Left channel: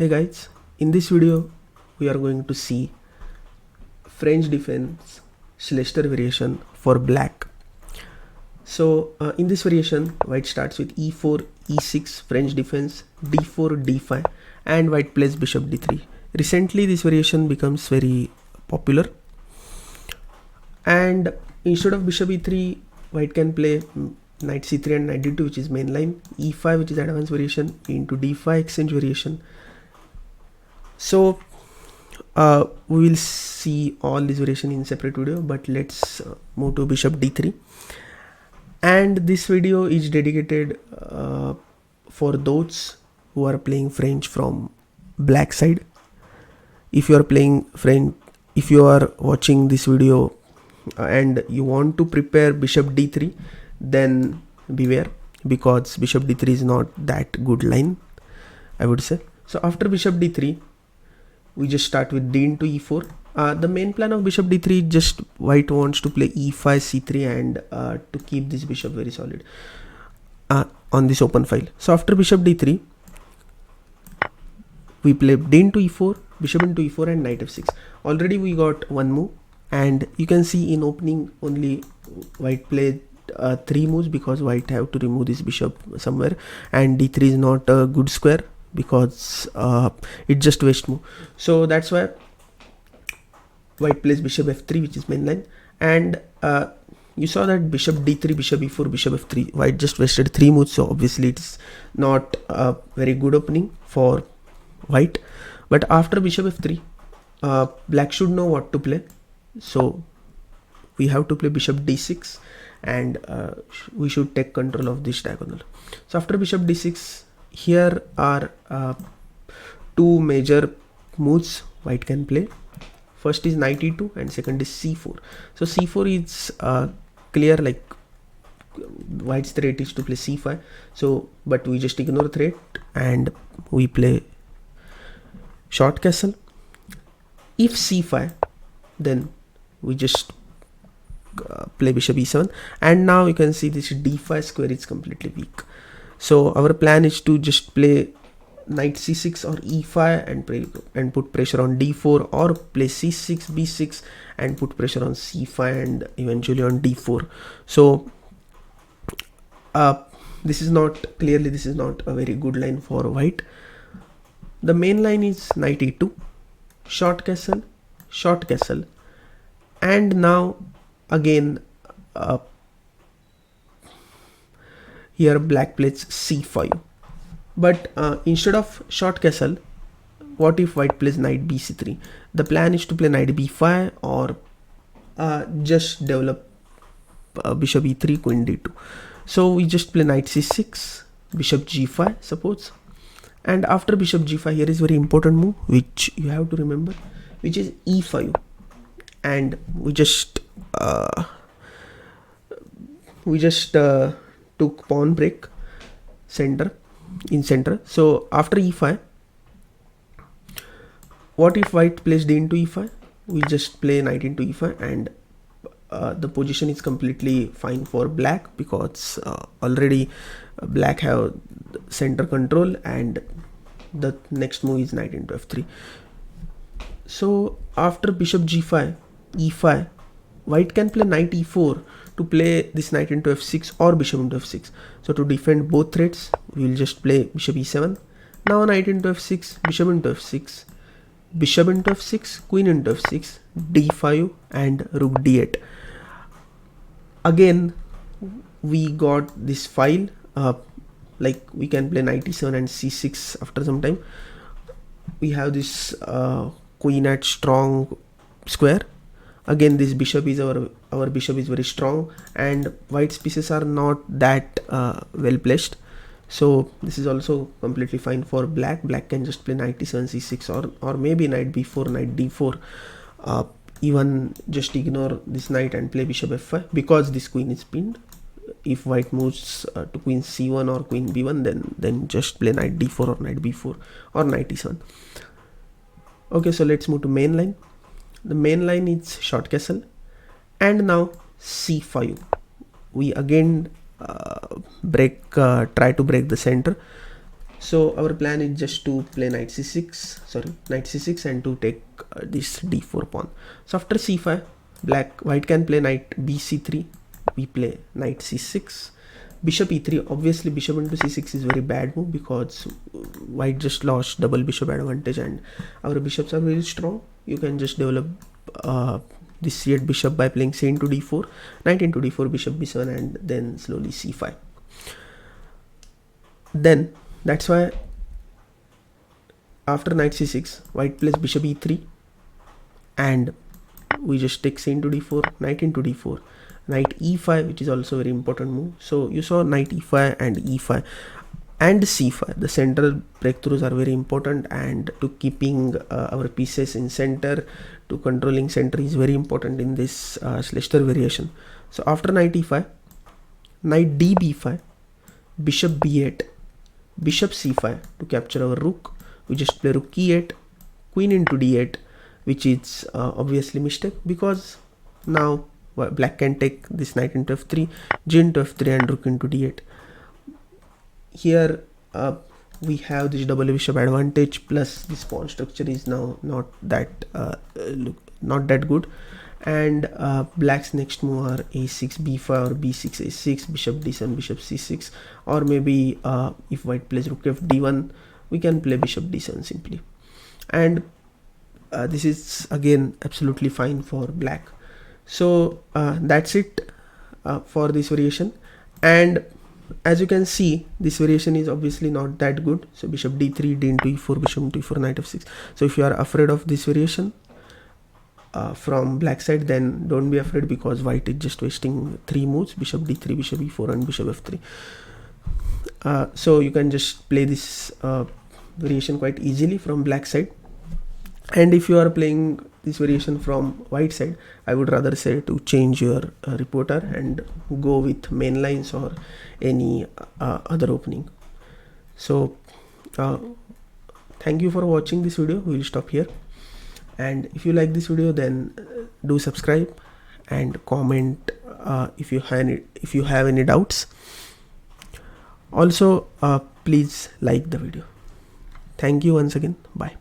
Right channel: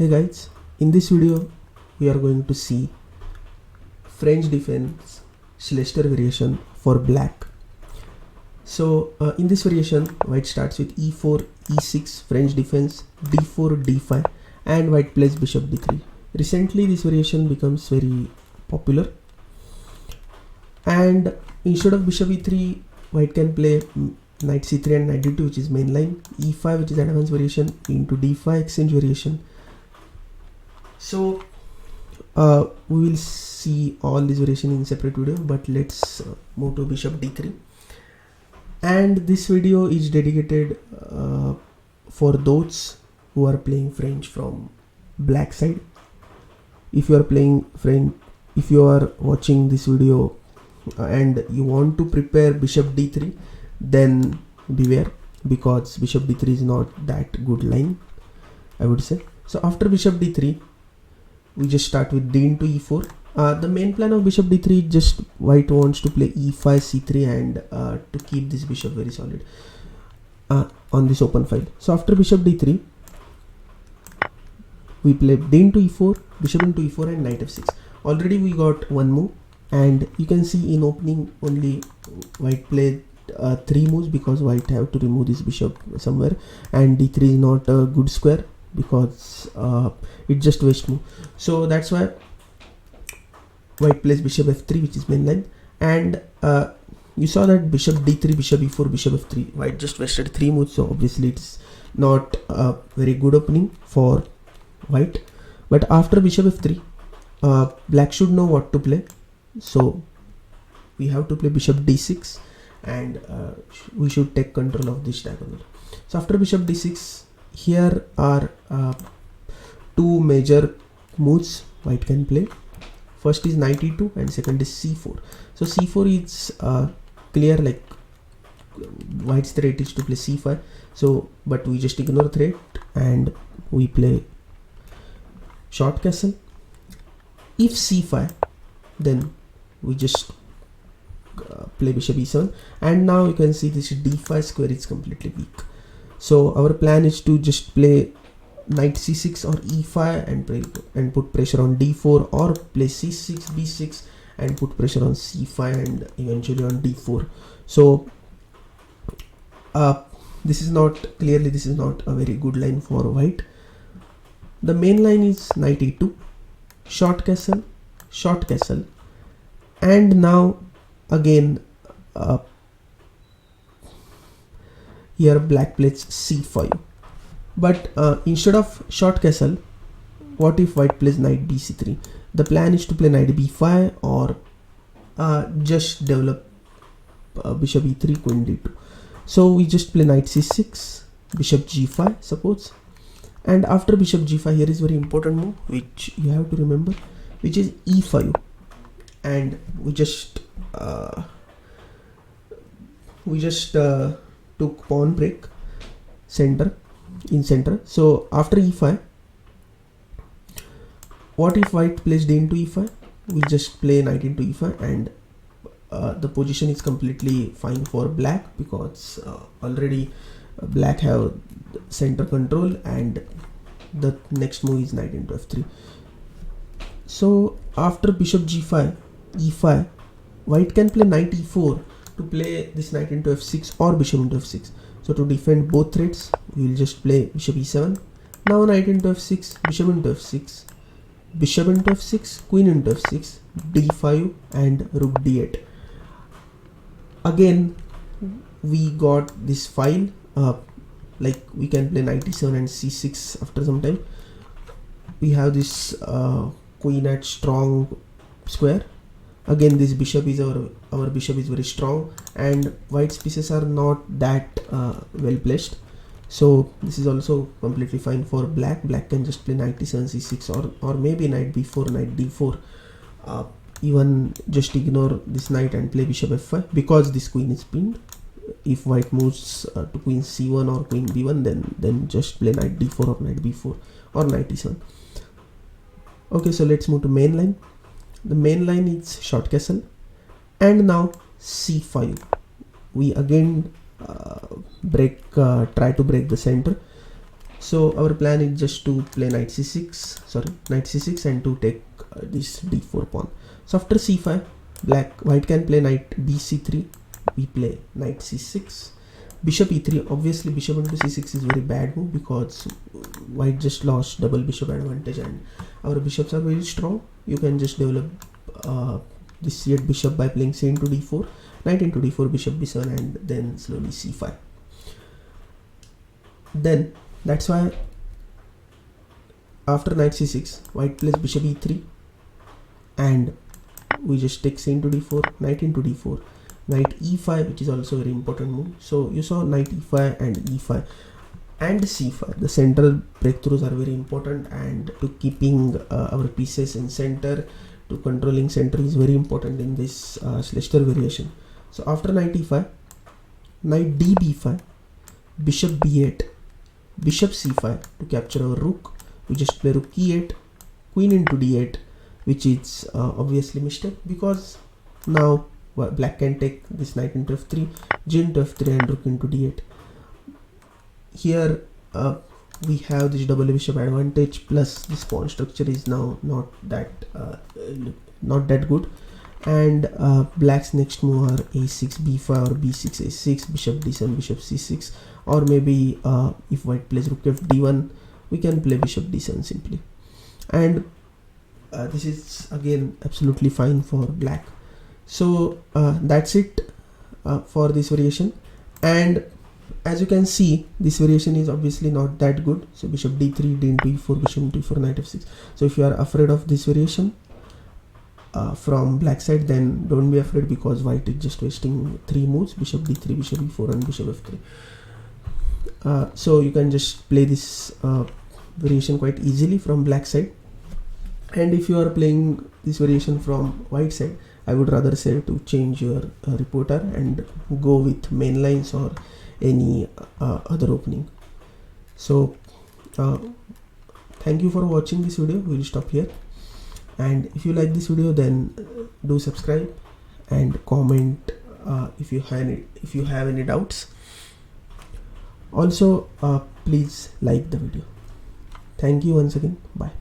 Hey guys, in this video we are going to see French Defense Schlechter Variation for black. So in this variation, white starts with e4, e6, French defense, d4, d5 and white plays bishop d3. Recently this variation becomes very popular, and instead of bishop e3, white can play knight c3 and knight d2, which is main line, e5 which is advanced variation, into d5 exchange variation. So we will see all these variation in separate video, but let's move to bishop d3. And this video is dedicated for those who are playing French from black side. If you are playing French, if you are watching this video and you want to prepare bishop d3, then beware, because bishop d3 is not that good line, I would say. So after bishop d3, we just start with d into e4. The main plan of bishop d3 is just white wants to play e5, c3 and to keep this bishop very solid on this open file. So after bishop d3, we play d into e4, bishop into e4 and knight f6. Already we got one move, and you can see in opening only white played 3 moves, because white have to remove this bishop somewhere, and d3 is not a good square because it just waste move. So that's why white plays bishop f3, which is main line, and you saw that bishop d3, bishop e4, bishop f3, white just wasted 3 moves. So obviously it's not a very good opening for white. But after bishop f3, black should know what to play. So we have to play bishop d6, and we should take control of this diagonal. So after bishop d6, here are 2 major moves white can play. First is knight e2 and second is c4. So c4 is clear, like white's threat is to play c5. So but we just ignore threat and we play short castle. If c5, then we just play bishop e7, and now you can see this d5 square is completely weak. So our plan is to just play knight c6 or e5 and put pressure on d4, or play c6, b6 and put pressure on c5 and eventually on d4. So this is not a very good line for white. The main line is knight e2, short castle, and now again here black plays c5. But instead of short castle, what if white plays knight bc3? The plan is to play knight b5, or just develop bishop e3, queen d2. So we just play knight c6, bishop g5 suppose, and after bishop g5, here is very important move which you have to remember, which is e5, and we just took pawn break in center. So after e5, what if white plays d into e5? We just play knight into e5, and the position is completely fine for black, because already black have center control, and the next move is knight into f3. So after bishop g5, e5, white can play knight e4 to play this knight into f6 or bishop into f6. So to defend both threats, we will just play bishop e7. Now knight into f6, bishop into f6, bishop into f6, queen into f6, d5 and rook d8. Again we got this file, like we can play knight e7 and c6 after some time. We have this queen at strong square. Again this bishop is our bishop is very strong, and white's pieces are not that well placed. So this is also completely fine for black. Black can just play knight e7, c6, or maybe knight b4, knight d4. Even just ignore this knight and play bishop f5, because this queen is pinned. If white moves to queen c1 or queen b1, then just play knight d4 or knight b4 or knight e7. Okay, so let's move to main line. The main line is short castle, and now c5. We again try to break the center. So our plan is just to play knight c6 and to take this d4 pawn. So after c5, white can play knight bc3. We play knight c6, bishop e3. Obviously bishop into c6 is very bad move because white just lost double bishop advantage and our bishops are very strong. You can just develop this c8 bishop by playing c into d4, knight into d4, bishop b7, and then slowly c5. Then that's why after knight c6, white plays bishop e3, and we just take c into d4, knight into d4, knight e5, which is also a very important move. So you saw knight e5 and e5 and c5. The central breakthroughs are very important, and to keeping our pieces in center, to controlling center is very important in this Schlechter variation. So after knight e5, knight d b5, bishop b8, bishop c5 to capture our rook. We just play rook e8, queen into d8, which is obviously mistake because now black can take this knight into f3, g into f3, and rook into d8. Here we have this double bishop advantage, plus this pawn structure is now not that good, and black's next move are a6 b5 or b6 a6, bishop d7, bishop c6, or maybe if white plays rook f d1, we can play bishop d7 simply, and this is again absolutely fine for black. So that's it for this variation, and as you can see, this variation is obviously not that good. So bishop d3, d into e4, bishop into e4, knight f6. So if you are afraid of this variation from black side, then don't be afraid, because white is just wasting 3 moves: bishop d3, bishop e4, and bishop f3. So you can just play this variation quite easily from black side. And if you are playing this variation from white side, I would rather say to change your reporter and go with main lines or any other opening. So thank you for watching this video. We will stop here, and if you like this video, then do subscribe and comment if you have any doubts. Also please like the video. Thank you once again. Bye.